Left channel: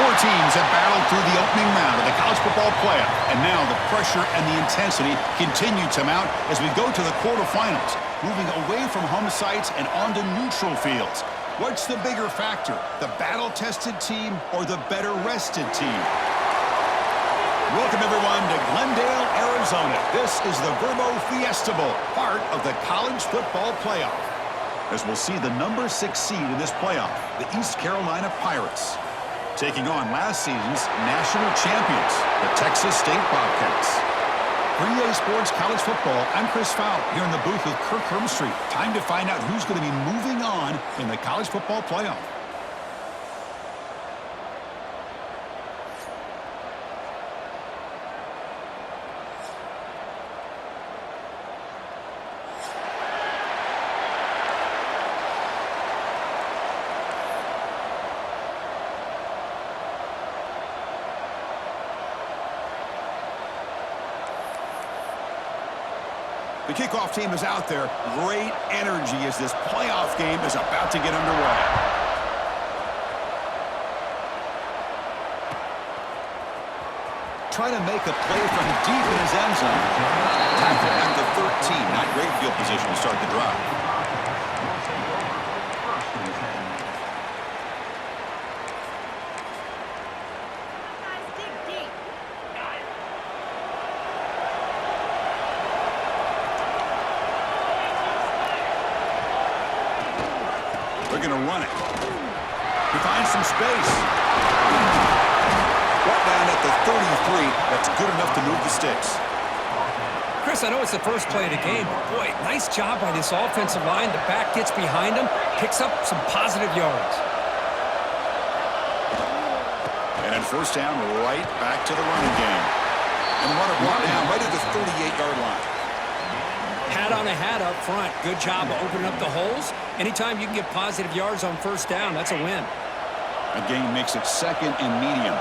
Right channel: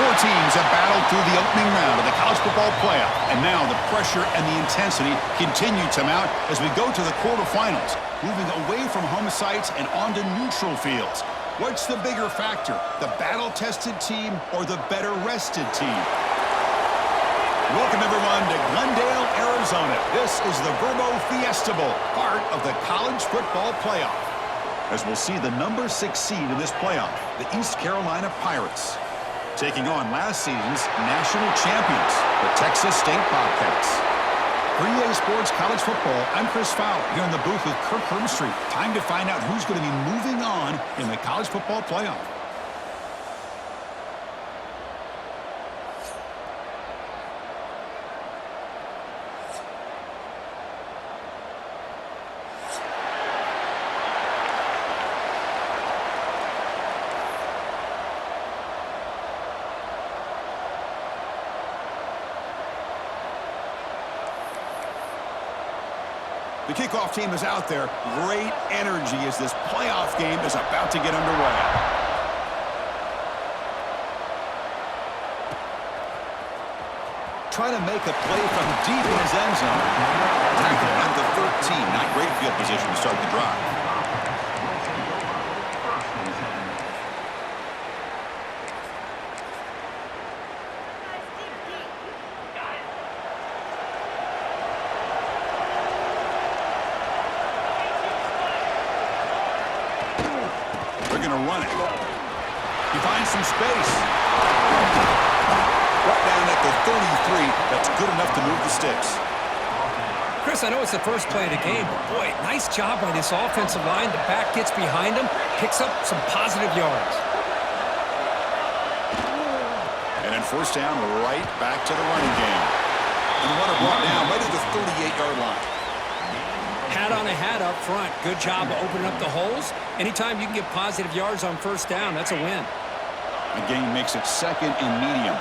Four teams have battled through the opening round of the college football playoff, and now the pressure and the intensity continue to mount as we go to the quarterfinals, moving away from home sites and onto neutral fields. What's the bigger factor, the battle-tested team or the better-rested team? Welcome, everyone, to Glendale, Arizona. This is the Verbo Fiesta Bowl, part of the college football playoff, as we'll see the number 6 seed in this playoff, the East Carolina Pirates, taking on last season's national champions, the Texas State Bobcats. For EA Sports College Football, I'm Chris Fowler here in the booth with Kirk Hermstreet. Time to find out who's going to be moving on in the college football playoff. The kickoff team is out there. Great energy as this playoff game is about to get underway. Trying to make a play from deep in his end zone. Tackle at the 13. Not great field position to start the drive. They're going to run it. He finds some space. Brought down at the 33. That's good enough to move the sticks. Chris, I know it's the first play of the game, but boy, nice job by this offensive line. The back gets behind him, picks up some positive yards. And then first down, right back to the running game. And the runner brought down right at the 38-yard line. Hat on a hat up front. Good job of opening up the holes. Anytime you can get positive yards on first down, that's a win. The gain makes it second and medium.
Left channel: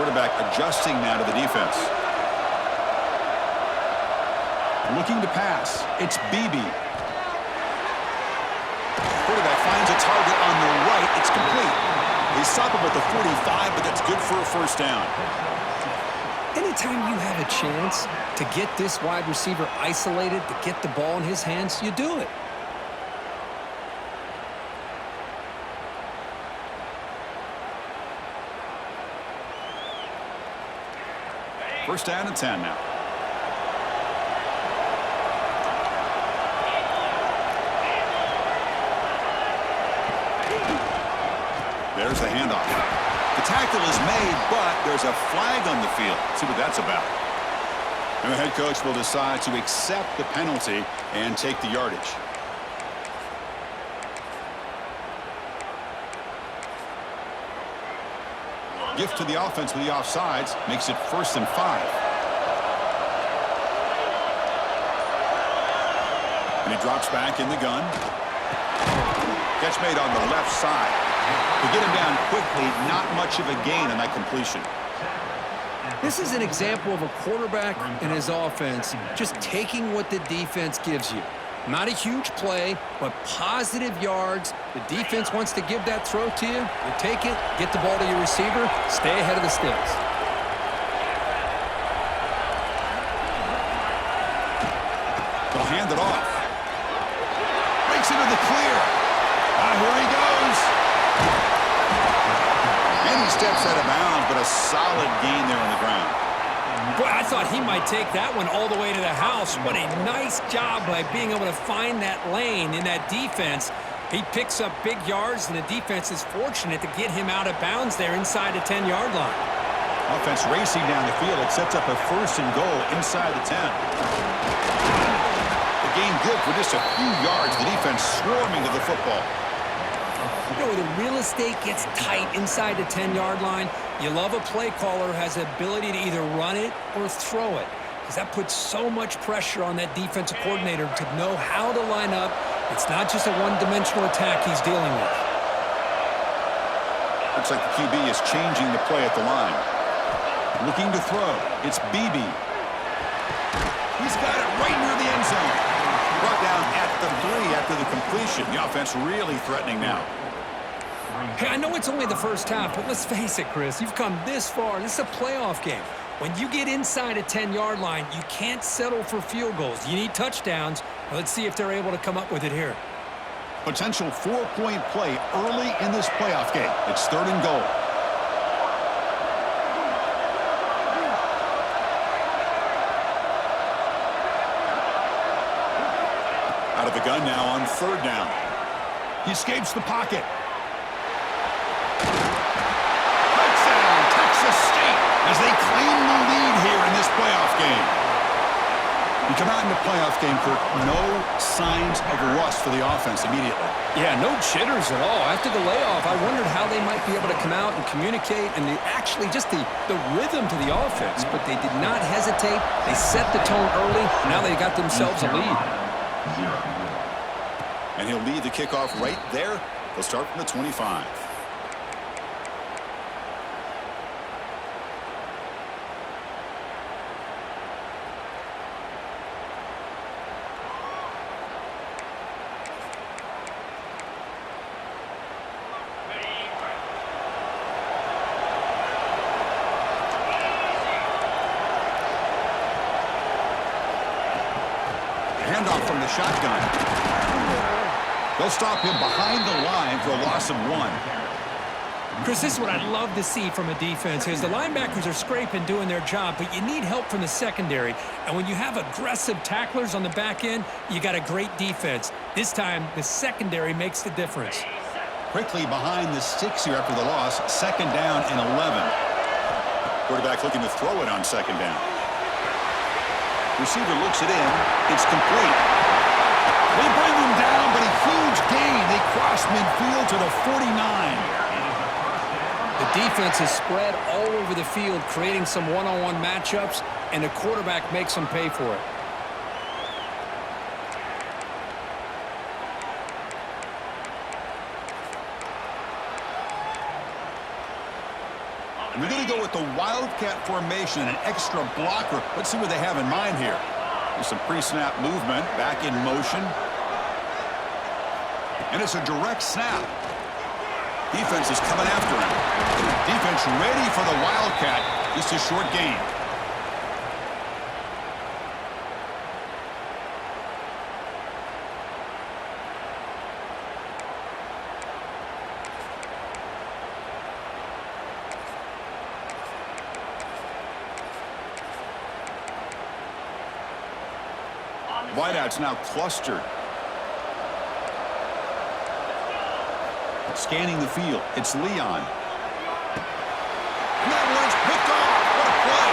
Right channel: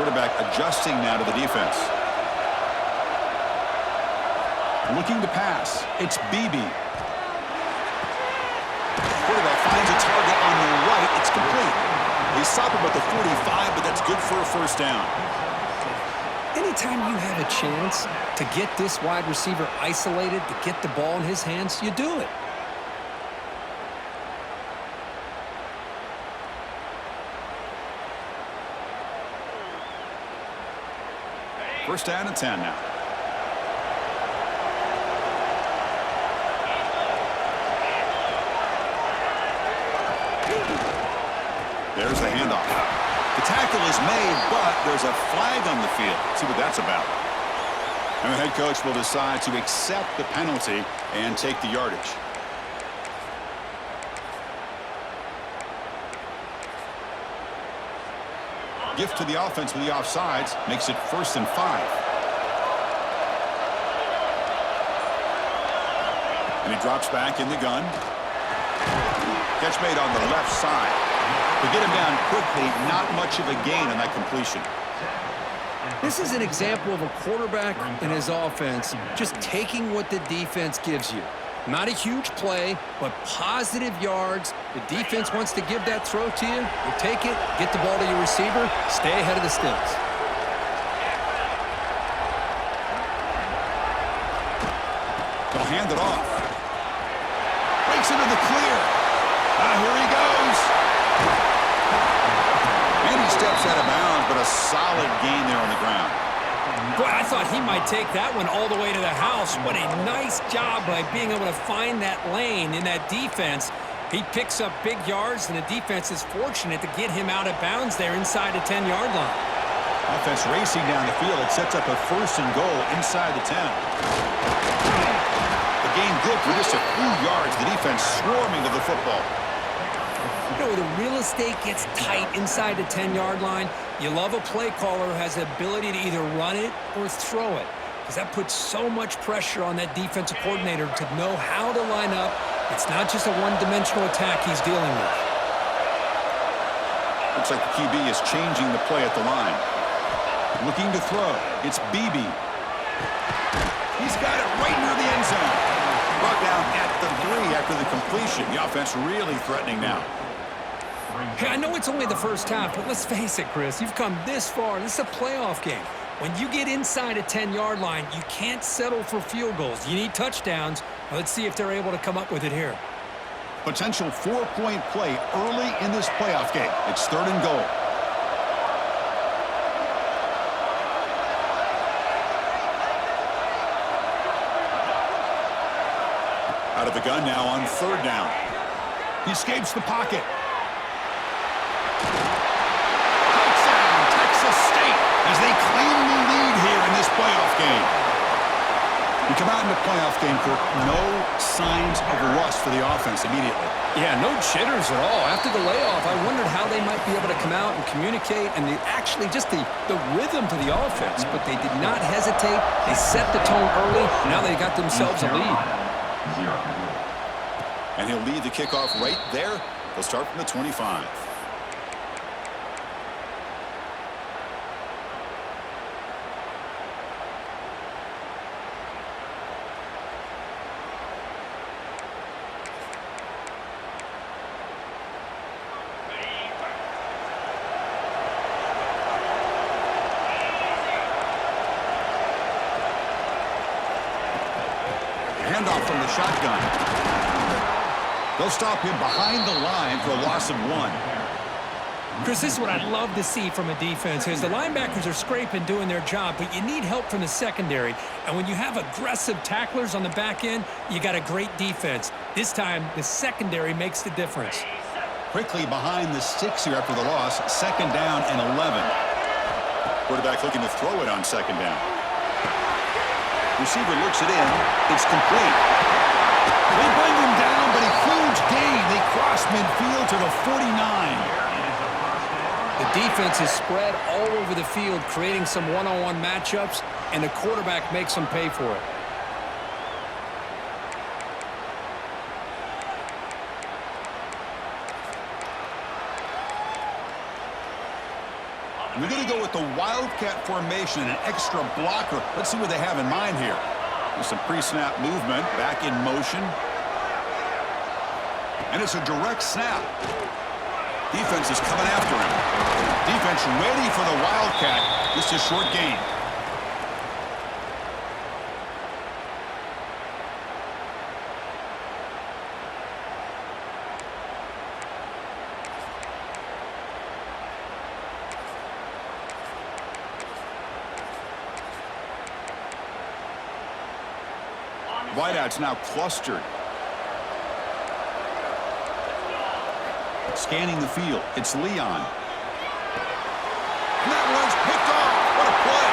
Quarterback adjusting now to the defense. Looking to pass. It's BB. Quarterback finds a target on the right. It's complete. They stop him at the 45, but that's good for a first down. Anytime you have a chance to get this wide receiver isolated, to get the ball in his hands, you do it. First down and 10 now. There's the handoff. The tackle is made, but there's a flag on the field. See what that's about. And the head coach will decide to accept the penalty and take the yardage. Gift to the offense with the offsides makes it 1st and 5. And he drops back in the gun. Catch made on the left side. To get him down quickly, not much of a gain on that completion. This is an example of a quarterback and his offense just taking what the defense gives you. Not a huge play, but positive yards. The defense wants to give that throw to you. You take it, get the ball to your receiver, stay ahead of the sticks. They'll hand it off. Breaks into the clear. Here he goes. And he steps out of bounds, but a solid gain there on the ground. Boy, I thought he might take that one all the way to the house. What a nice job by being able to find that lane in that defense. He picks up big yards, and the defense is fortunate to get him out of bounds there inside the 10-yard line. Offense racing down the field. It sets up a 1st and goal inside the 10. The gain good for just a few yards. The defense swarming to the football. You know, where the real estate gets tight inside the 10-yard line, you love a play caller who has the ability to either run it or throw it, because that puts so much pressure on that defensive coordinator to know how to line up. It's not just a one-dimensional attack he's dealing with. Looks like the QB is changing the play at the line. Looking to throw. It's BB. He's got it right near the end zone. Brought down at the 3 after the completion. The offense really threatening now. Hey, I know it's only the first half, but let's face it, Chris. You've come this far. This is a playoff game. When you get inside a 10-yard line, you can't settle for field goals. You need touchdowns. Now, let's see if they're able to come up with it here. Potential 4-point play early in this playoff game. It's 3rd and goal. Out of the gun now on 3rd down. He escapes the pocket. Touchdown, Texas State, as they claim the lead here in this playoff game. You come out in the playoff game, Kirk, no signs of rust for the offense immediately. Yeah, no jitters at all. After the layoff, I wondered how they might be able to come out and communicate and actually just the rhythm to the offense. But they did not hesitate. They set the tone early. Now they got themselves a lead. And he'll lead the kickoff right there. They'll start from the 25. Handoff from the shotgun. They'll stop him behind the line for a loss of 1. Chris, this is what I'd love to see from a defense is the linebackers are scraping, doing their job, but you need help from the secondary. And when you have aggressive tacklers on the back end, you got a great defense. This time, the secondary makes the difference. Quickly behind the sticks here after the loss. 2nd down and 11. Quarterback looking to throw it on 2nd down. Receiver looks it in. It's complete. They bring him down, but a huge gain. They cross midfield to the 49. The defense is spread all over the field, creating some one-on-one matchups, and the quarterback makes them pay for it. And they're going to go with the Wildcat formation, an extra blocker. Let's see what they have in mind here. There's some pre-snap movement, back in motion. And it's a direct snap. Defense is coming after him. Defense ready for the Wildcat. Just a short gain. Wideouts now clustered. Scanning the field. It's Leon. And that one's picked off. What a play.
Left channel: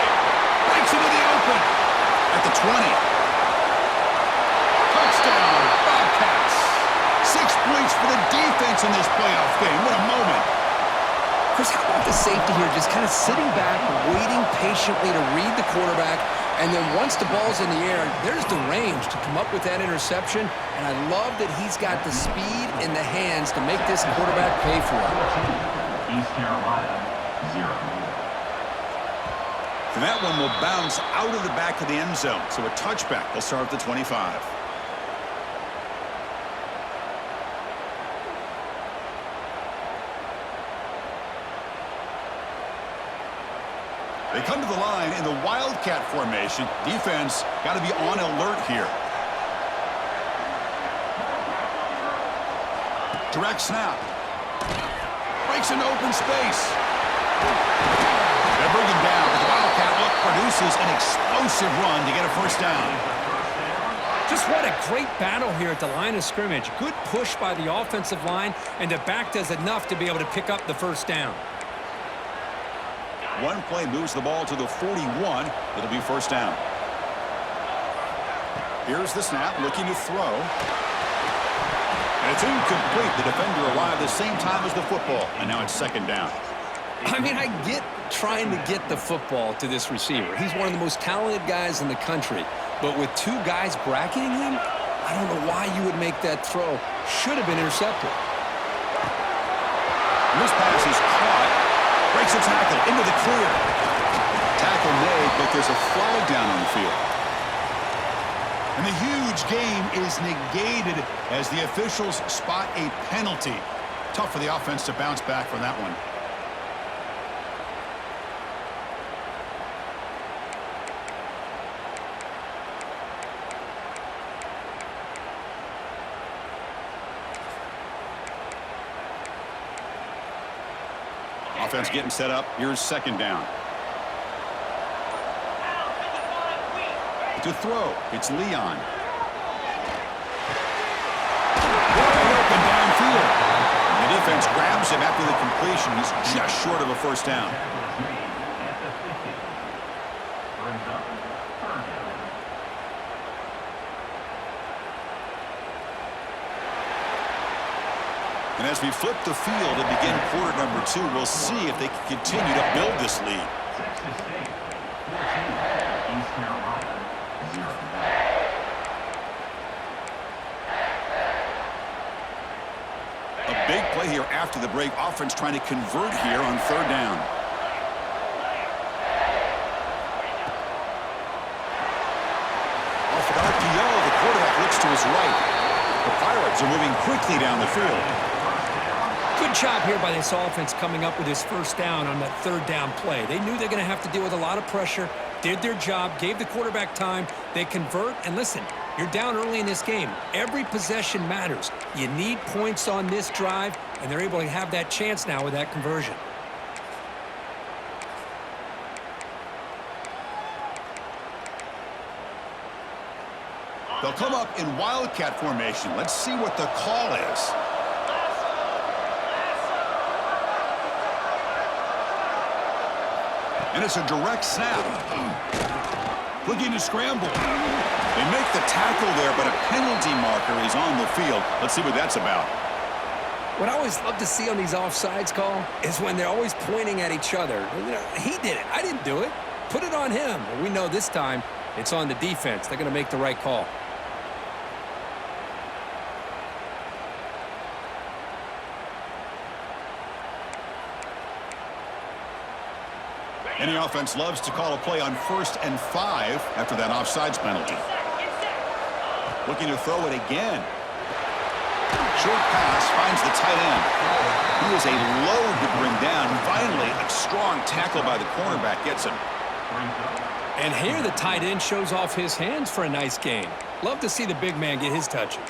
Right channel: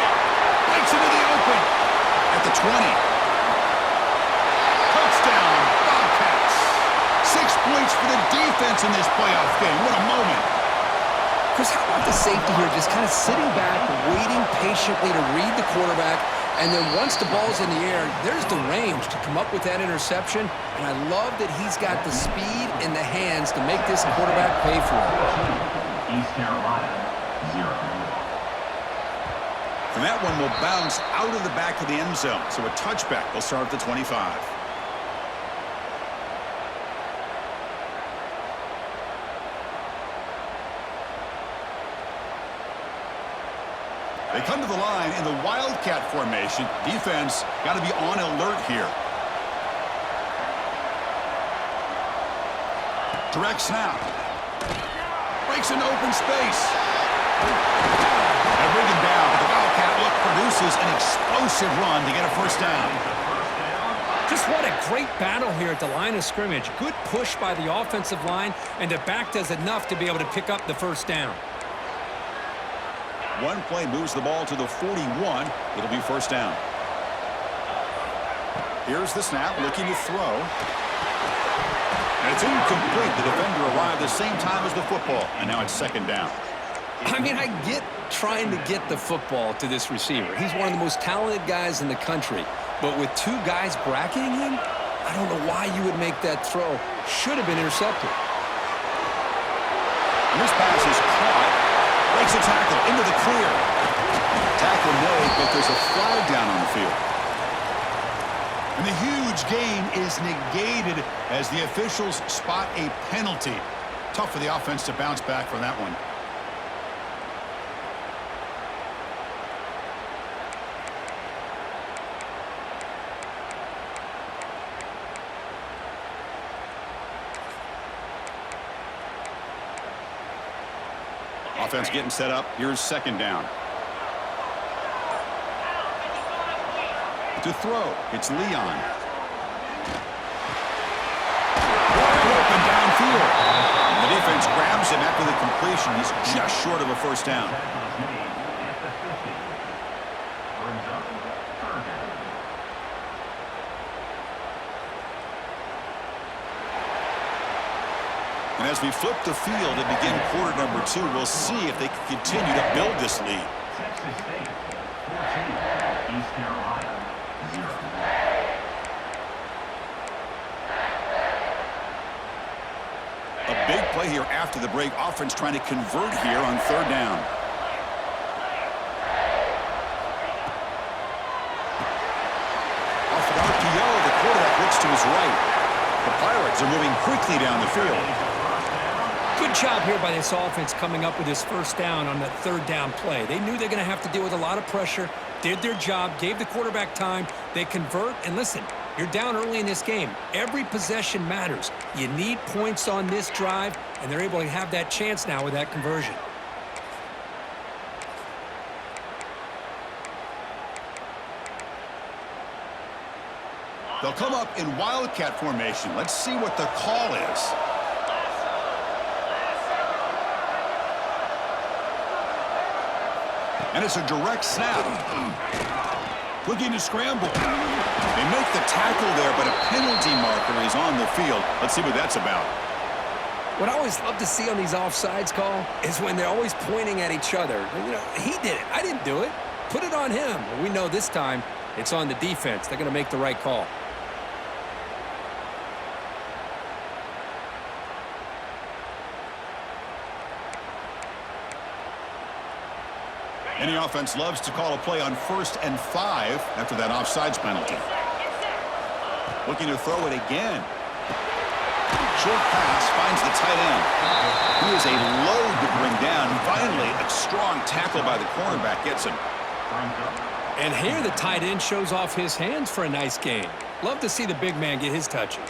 Breaks into the open. At the 20. Touchdown, Bobcats. 6 points for the defense in this playoff game. What a moment. Chris, how about the safety here? Just kind of sitting back, waiting patiently to read the quarterback. And then once the ball's in the air, there's the range to come up with that interception. And I love that he's got the speed in the hands to make this quarterback pay for it. East Carolina, 0. And that one will bounce out of the back of the end zone. So a touchback. They'll start at the 25. They come to the line in the Wildcat formation. Defense got to be on alert here. Direct snap. Breaks into open space. They bring him down, but the Wildcat look produces an explosive run to get a first down. Just what a great battle here at the line of scrimmage. Good push by the offensive line, and the back does enough to be able to pick up the first down. One play moves the ball to the 41. It'll be first down. Here's the snap, looking to throw. And it's incomplete. The defender arrived the same time as the football, and now it's 2nd down. I mean, I get trying to get the football to this receiver. He's one of the most talented guys in the country. But with 2 guys bracketing him, I don't know why you would make that throw. Should have been intercepted. And this pass is caught. Breaks a tackle into the clear. Tackle made, but there's a flag down on the field. And the huge gain is negated as the officials spot a penalty. Tough for the offense to bounce back from that one. Offense getting set up. Here's second down. To throw, it's Leon. Wide open downfield. The defense grabs him after the completion. He's just short of a first down. And as we flip the field and begin quarter number 2, we'll see if they can continue to build this lead. Texas State 14, East Carolina 0. A big play here after the break. Offense trying to convert here on third down. Off an RPO, the quarterback looks to his right. The Pirates are moving quickly down the field. Good job here by this offense coming up with this first down on that third down play. They knew they're going to have to deal with a lot of pressure, did their job, gave the quarterback time. They convert, and listen, you're down early in this game. Every possession matters. You need points on this drive, and they're able to have that chance now with that conversion. They'll come up in Wildcat formation. Let's see what the call is. And it's a direct snap. Looking to scramble. They make the tackle there, but a penalty marker is on the field. Let's see what that's about. What I always love to see on these offsides call is when they're always pointing at each other. You know, he did it. I didn't do it. Put it on him. Well, we know this time it's on the defense. They're going to make the right call. Any offense loves to call a play on 1st and 5 after that offsides penalty. Looking to throw it again. Short pass finds the tight end. He is a load to bring down. Finally, a strong tackle by the cornerback gets him. And here the tight end shows off his hands for a nice gain. Love to see the big man get his touches.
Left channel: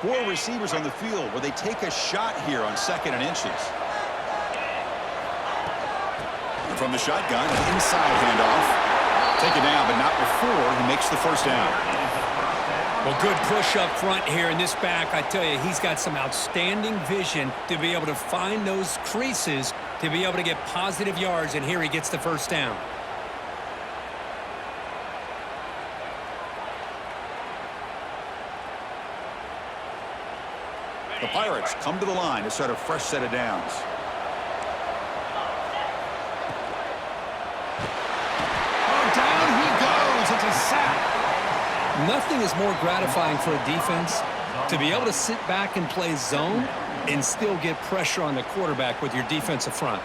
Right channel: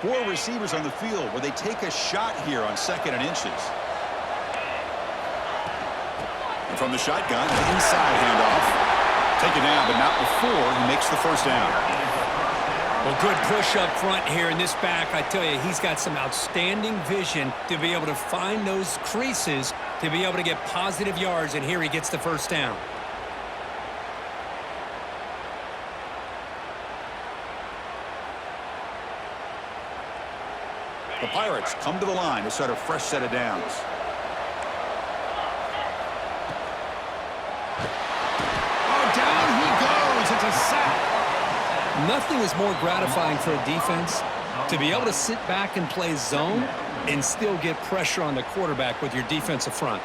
Four receivers on the field where they take a shot here on 2nd and inches. And from the shotgun, an inside handoff. Take it down, but not before he makes the first down. Well, good push up front here in this back. I tell you, he's got some outstanding vision to be able to find those creases to be able to get positive yards, and here he gets the first down. The Pirates come to the line to start a fresh set of downs. Oh, down he goes. It's a sack. Nothing is more gratifying for a defense to be able to sit back and play zone and still get pressure on the quarterback with your defensive front.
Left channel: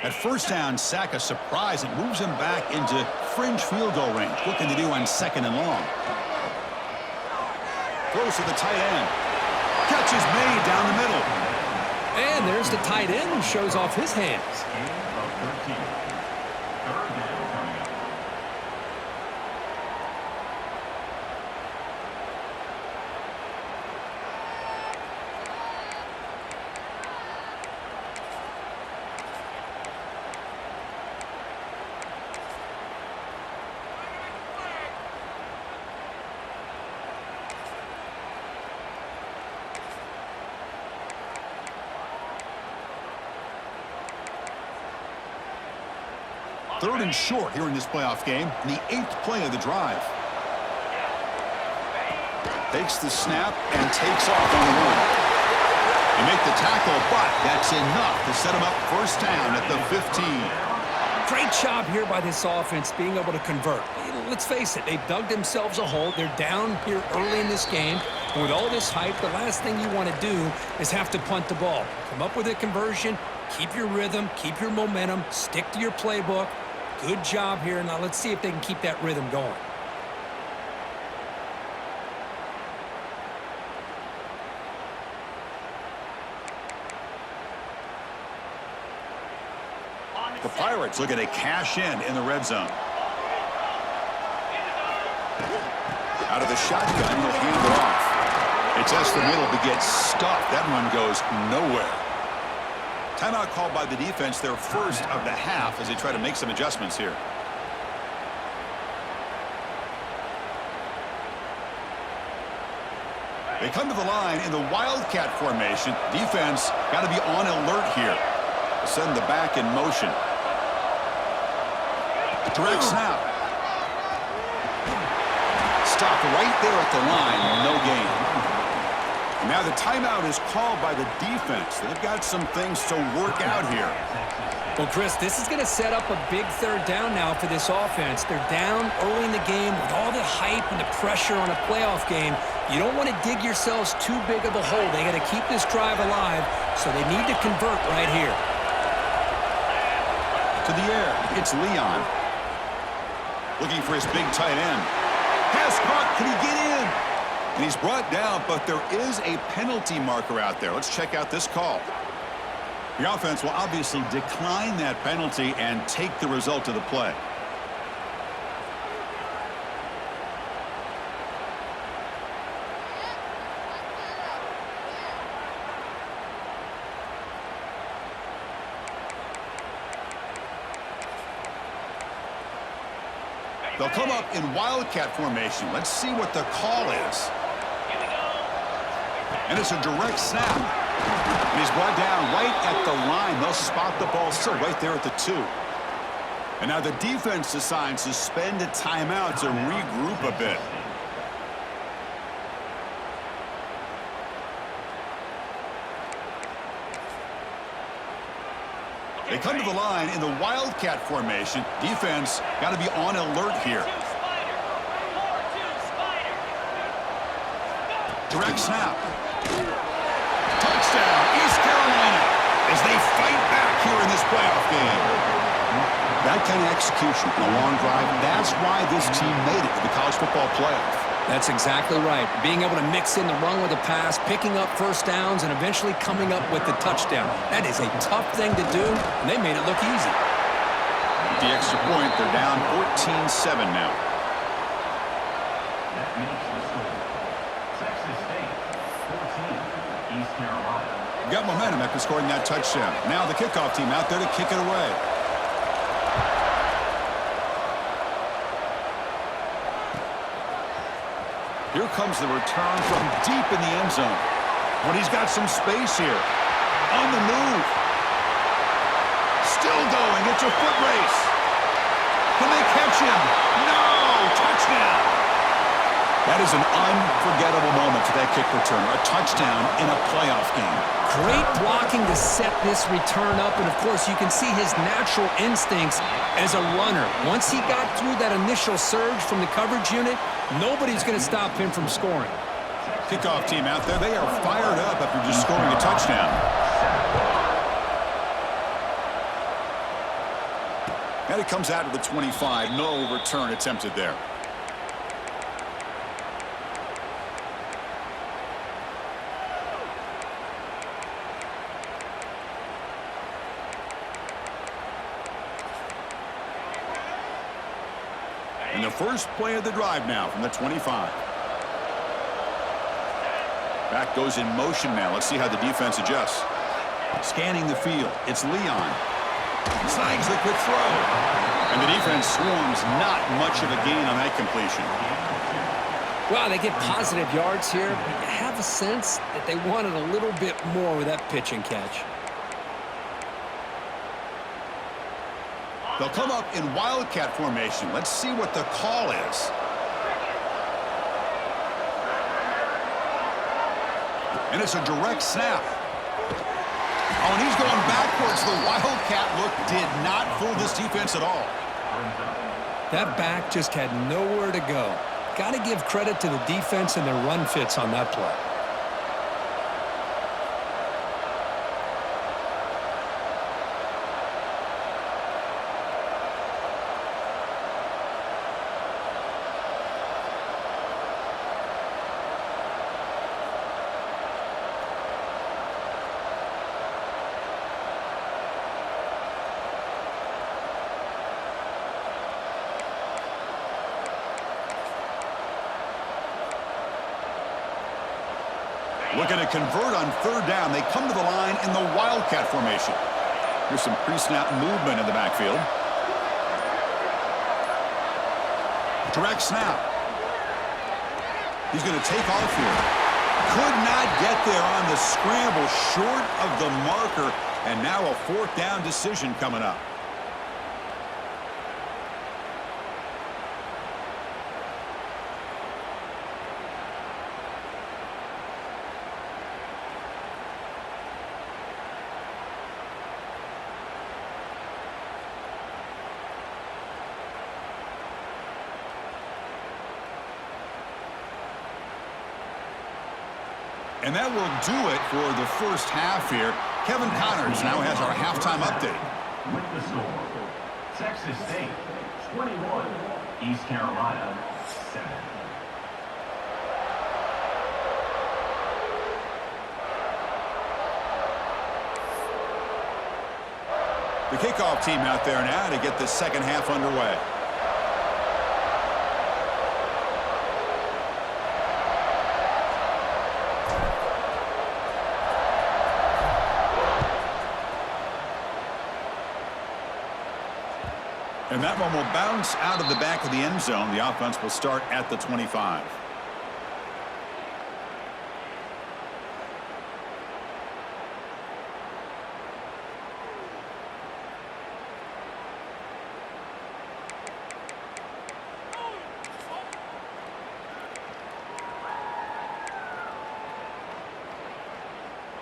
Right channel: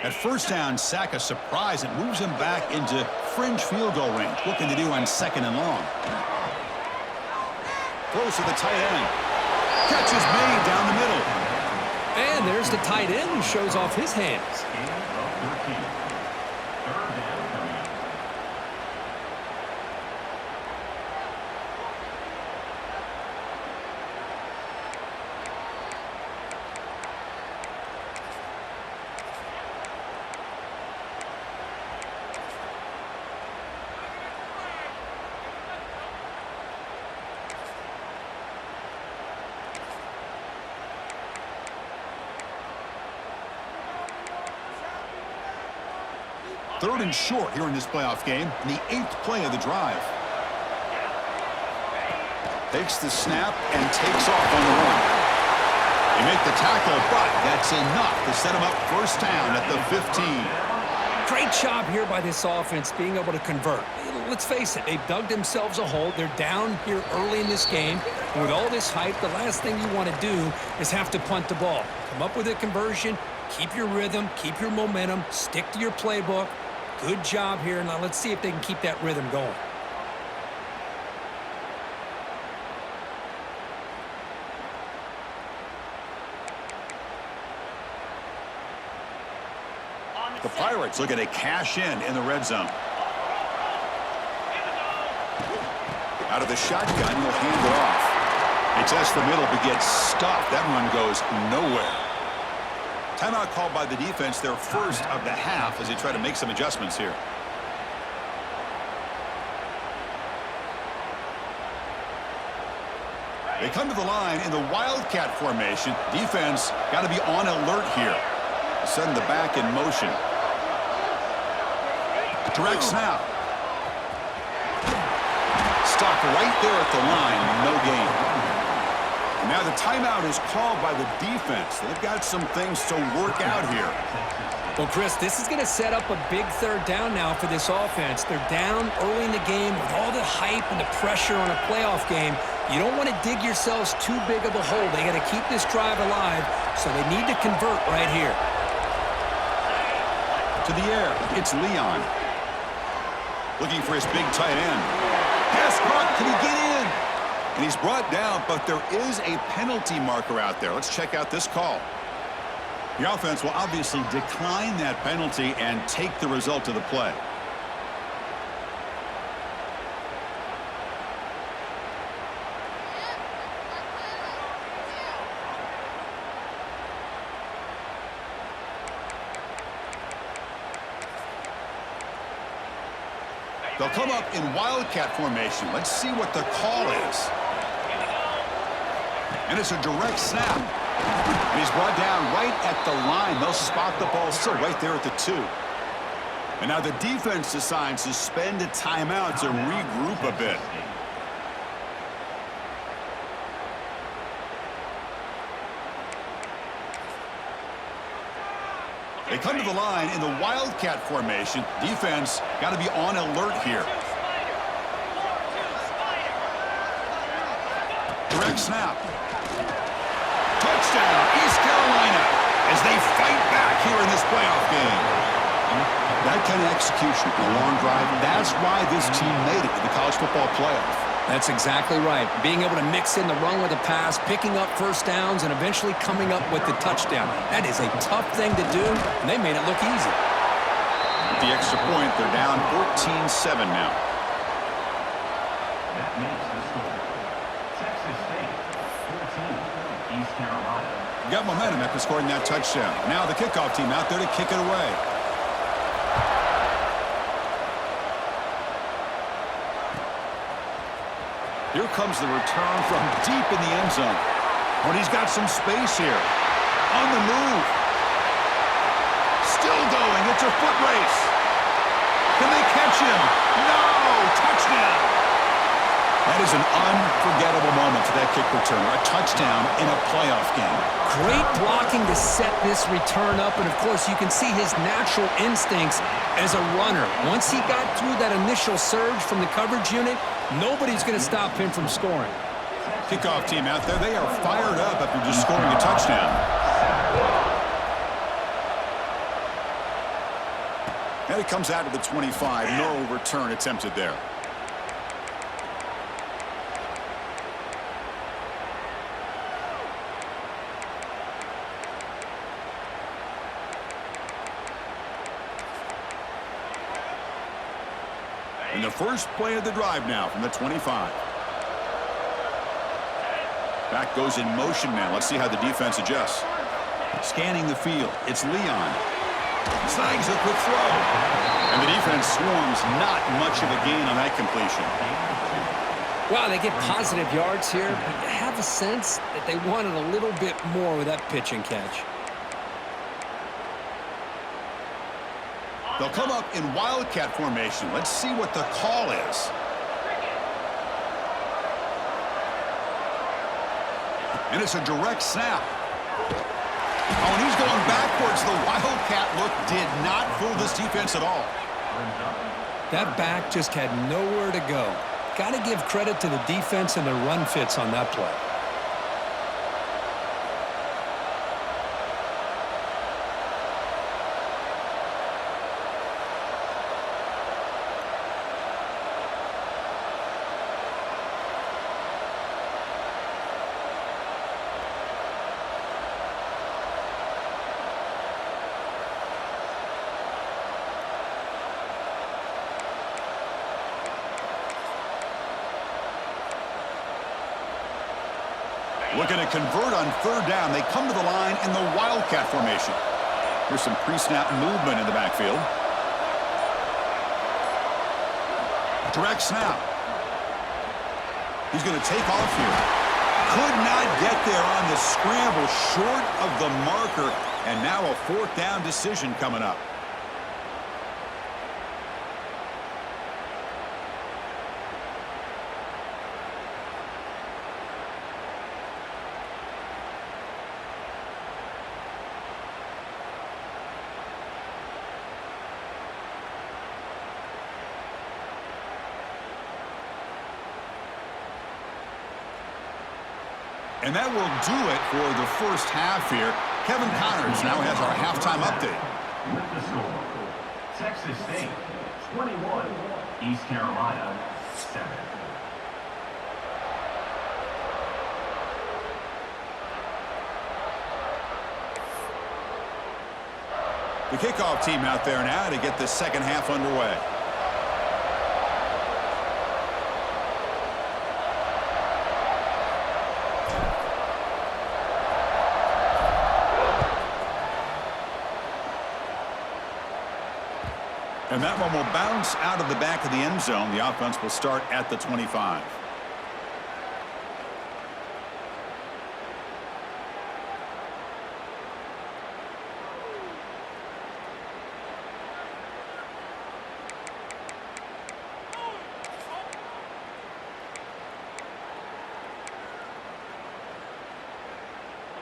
At first down, sack a surprise and moves him back into fringe field goal range. Looking to do on 2nd and long. Throws to the tight end. Catch is made down the middle. And there's the tight end who shows off his hands. Gain of 13. Third down coming up. 3rd and short here in this playoff game, in the 8th play of the drive. Takes the snap and takes off on the run. They make the tackle, but that's enough to set him up first down at the 15. Great job here by this offense being able to convert. Let's face it, they've dug themselves a hole. They're down here early in this game. And with all this hype, the last thing you want to do is have to punt the ball. Come up with a conversion, keep your rhythm, keep your momentum, stick to your playbook. Good job here. Now let's see if they can keep that rhythm going. The Pirates looking to cash in the red zone. Out of the shotgun, he'll hand it off. It tests the middle, but gets stuffed. That run goes nowhere. Timeout called by the defense, their first of the half, as they try to make some adjustments here. They come to the line in the Wildcat formation. Defense got to be on alert here. Send the back in motion. Direct snap. Stopped right there at the line. No gain. And now the timeout is called by the defense. They've got some things to work out here. Well, Chris, this is going to set up a big 3rd down now for this offense. They're down early in the game with all the hype and the pressure on a playoff game. You don't want to dig yourselves too big of a hole. They got to keep this drive alive, so they need to convert right here. To the air, it's Leon. Looking for his big tight end. Pass caught, can he get in? And he's brought down, but there is a penalty marker out there. Let's check out this call. The offense will obviously decline that penalty and take the result of the play. They'll come up in Wildcat formation. Let's see what the call is. And it's a direct snap. And he's brought down right at the line. They'll spot the ball still right there at the 2. And now the defense decides to spend a timeout to regroup a bit. They come to the line in the Wildcat formation. Defense got to be on alert here. Direct snap. Touchdown, East Carolina, as they fight back here in this playoff game. That kind of execution in a long drive, that's why this team made it to the college football playoff. That's exactly right. Being able to mix in the run with the pass, picking up first downs, and eventually coming up with the touchdown. That is a tough thing to do, and they made it look easy. With the extra point, they're down 14-7 now. That makes the score. Texas State, 14, East Carolina. Got momentum after scoring that touchdown. Now the kickoff team out there to kick it away. Here comes the return from deep in the end zone. Oh, and he's got some space here. On the move. Still going. It's a foot race. Can they catch him? No! Touchdown! That is an unforgettable moment for that kick returner. A touchdown in a playoff game. Great blocking to set this return up, and of course you can see his natural instincts as a runner. Once he got through that initial surge from the coverage unit, nobody's going to stop him from scoring. Kickoff team out there, they are fired up after just scoring a touchdown. And it comes out to the 25. No return attempted there. And the first play of the drive now from the 25. Back goes in motion now. Let's see how the defense adjusts. Scanning the field. It's Leon. Snags the quick throw. And the defense swarms. Not much of a gain on that completion. Wow, they get positive yards here, but you have a sense that they wanted a little bit more with that pitch and catch. They'll come up in Wildcat formation. Let's see what the call is. And it's a direct snap. Oh, and he's going backwards. The Wildcat look did not fool this defense at all. That back just had nowhere to go. Got to give credit to the defense and their run fits on that play. Looking to convert on third down. They come to the line in the Wildcat formation. Here's some pre-snap movement in the backfield. Direct snap. He's going to take off here. Could not get there on the scramble, short of the marker, and now a fourth down decision coming up. And that will do it for the first half here. Kevin Connors now has our halftime update. With the score, Texas State 21, East Carolina 7. The kickoff team out there now to get the second half underway. And that one will bounce out of the back of the end zone. The offense will start at the 25.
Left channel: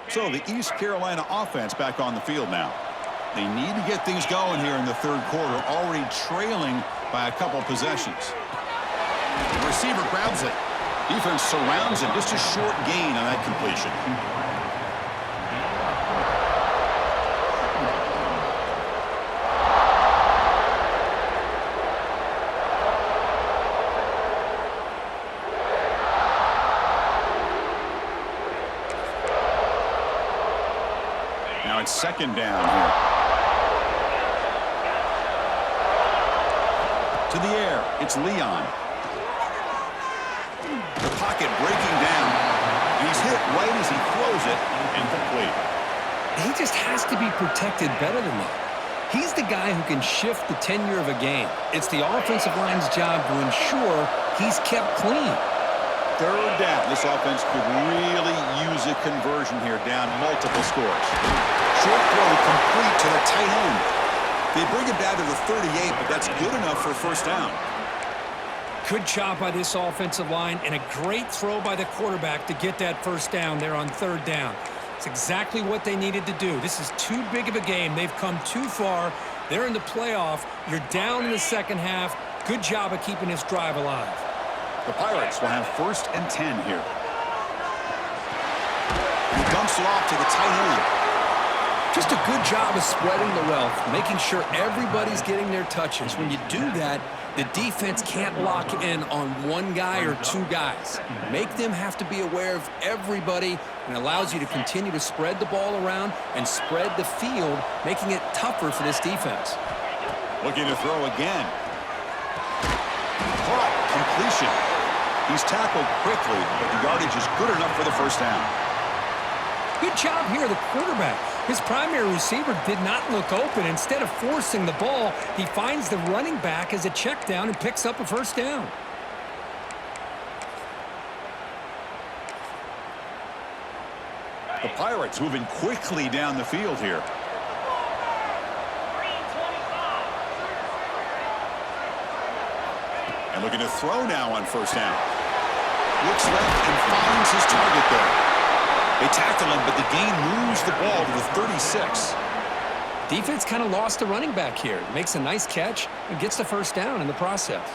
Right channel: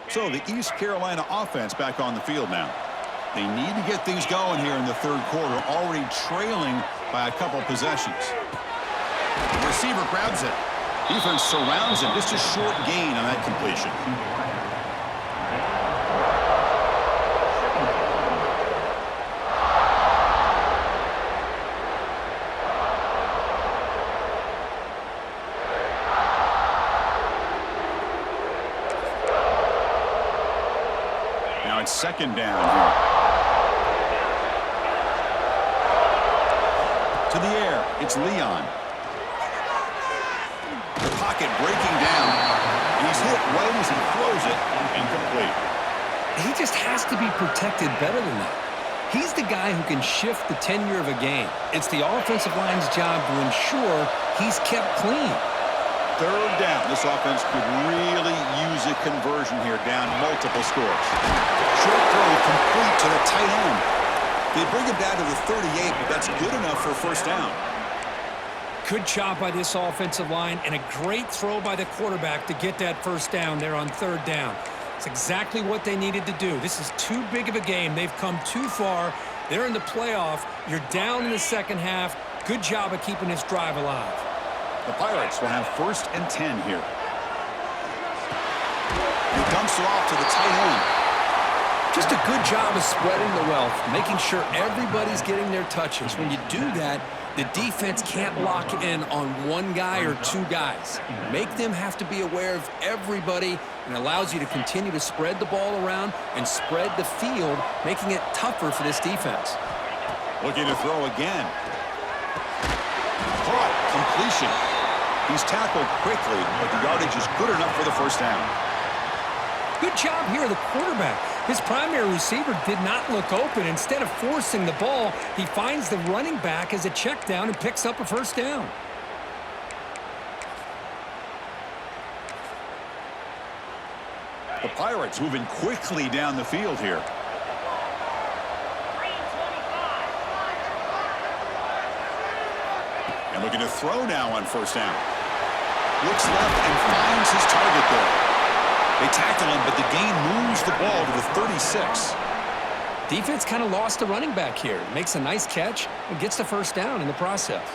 So the East Carolina offense back on the field now. They need to get things going here in the third quarter, already trailing by a couple possessions. The receiver grabs it. Defense surrounds him. Just a short gain on that completion. Now it's second down here. To the air, it's Leon. The pocket breaking down, and he's hit right as he throws it, incomplete. He just has to be protected better than that. He's the guy who can shift the tenure of a game. It's the offensive line's job to ensure he's kept clean. Third down. This offense could really use a conversion here, down multiple scores. Short throw complete to the tight end. They bring it down to the 38, but that's good enough for a first down. Good job by this offensive line and a great throw by the quarterback to get that first down there on third down. It's exactly what they needed to do. This is too big of a game. They've come too far. They're in the playoff. You're down in the second half. Good job of keeping this drive alive. The Pirates will have 1st and 10 here. He dumps it off to the tight end. Just a good job of spreading the wealth, making sure everybody's getting their touches. When you do that, the defense can't lock in on one guy or two guys. Make them have to be aware of everybody, and allows you to continue to spread the ball around and spread the field, making it tougher for this defense. Looking to throw again. Caught. Completion. He's tackled quickly, but the yardage is good enough for the first down. Good job here, the quarterback. His primary receiver did not look open. Instead of forcing the ball, he finds the running back as a check down and picks up a first down. The Pirates moving quickly down the field here. And looking to throw now on first down. Looks left and finds his target there. They tackle him, but the gain moves the ball to the 36. Defense kind of lost the running back here. Makes a nice catch and gets the first down in the process.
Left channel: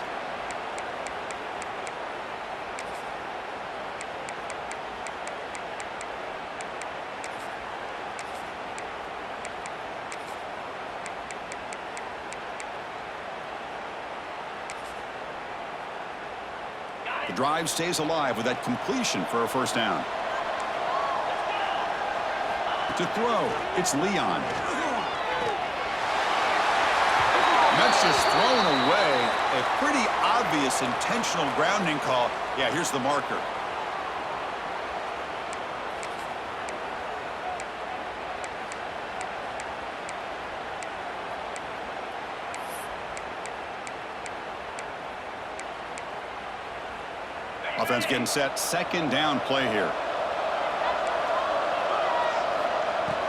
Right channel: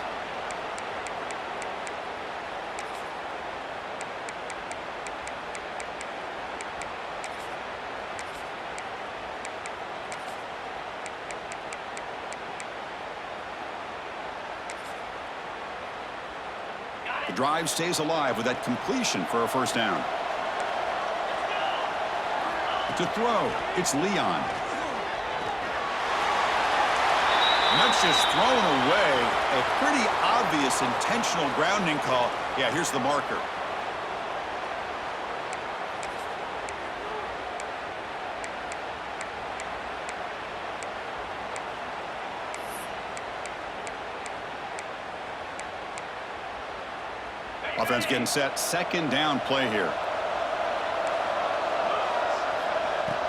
The drive stays alive with that completion for a first down. To throw, it's Leon. And that's just thrown away. A pretty obvious intentional grounding call. Yeah, here's the marker. Offense getting set. Second down play here.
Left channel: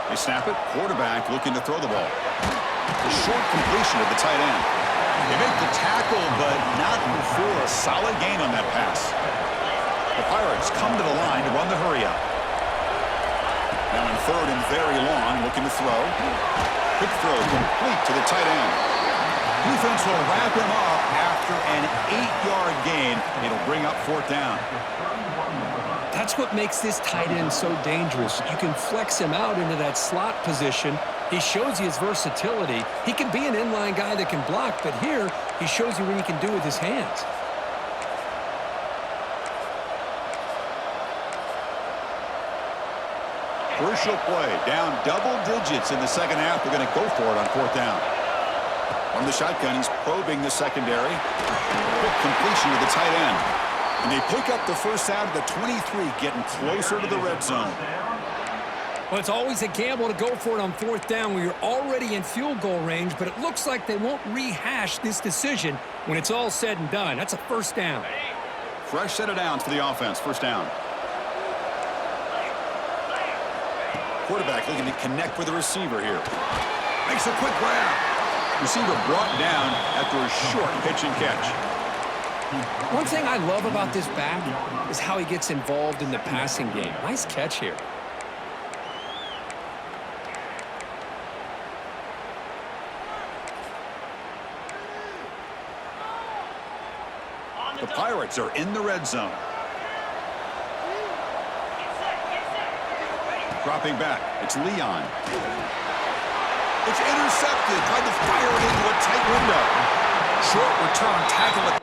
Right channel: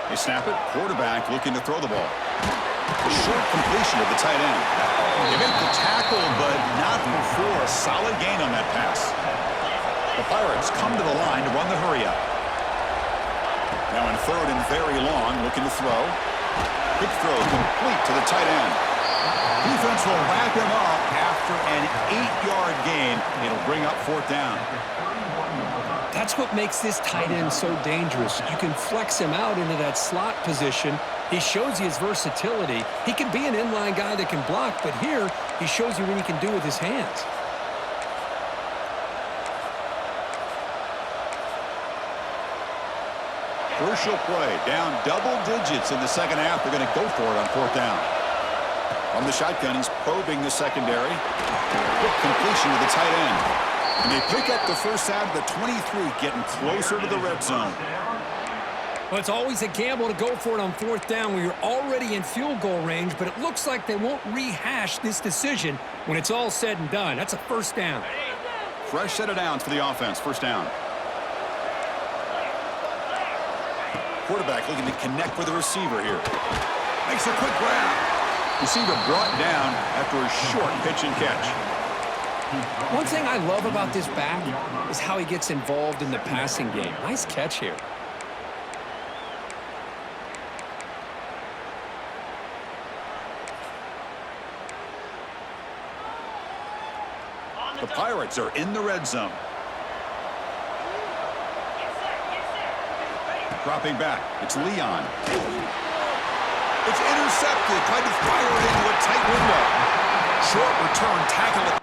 They snap it. Quarterback looking to throw the ball. A short completion to the tight end. They make the tackle, but not before a solid gain on that pass. The Pirates come to the line to run the hurry up. Now in third and very long, looking to throw. Quick throw complete to the tight end. Defense will wrap him up after an 8-yard gain. It'll bring up fourth down. That's what makes this tight end so dangerous. You can flex him out into that slot position. He shows you his versatility. He can be an inline guy that can block, but here he shows you what he can do with his hands. Crucial play. Down double digits in the second half. They're going to go for it on fourth down. From the shotgun, he's probing the secondary. Quick completion to the tight end. And they pick up the first out of the 23, getting closer to the red zone. Well, it's always a gamble to go for it on fourth down where you're already in field goal range, but it looks like they won't rehash this decision when it's all said and done. That's a first down. Fresh set of downs for the offense. First down. Quarterback looking to connect with the receiver here. Makes a quick grab. Receiver brought down after a short pitch and catch. One thing I love about this back is how he gets involved in the passing game. Nice catch here. The Pirates are in the red zone. Dropping back, it's Leon. It's intercepted, tried to fire it into a tight window. Short return, tackle it.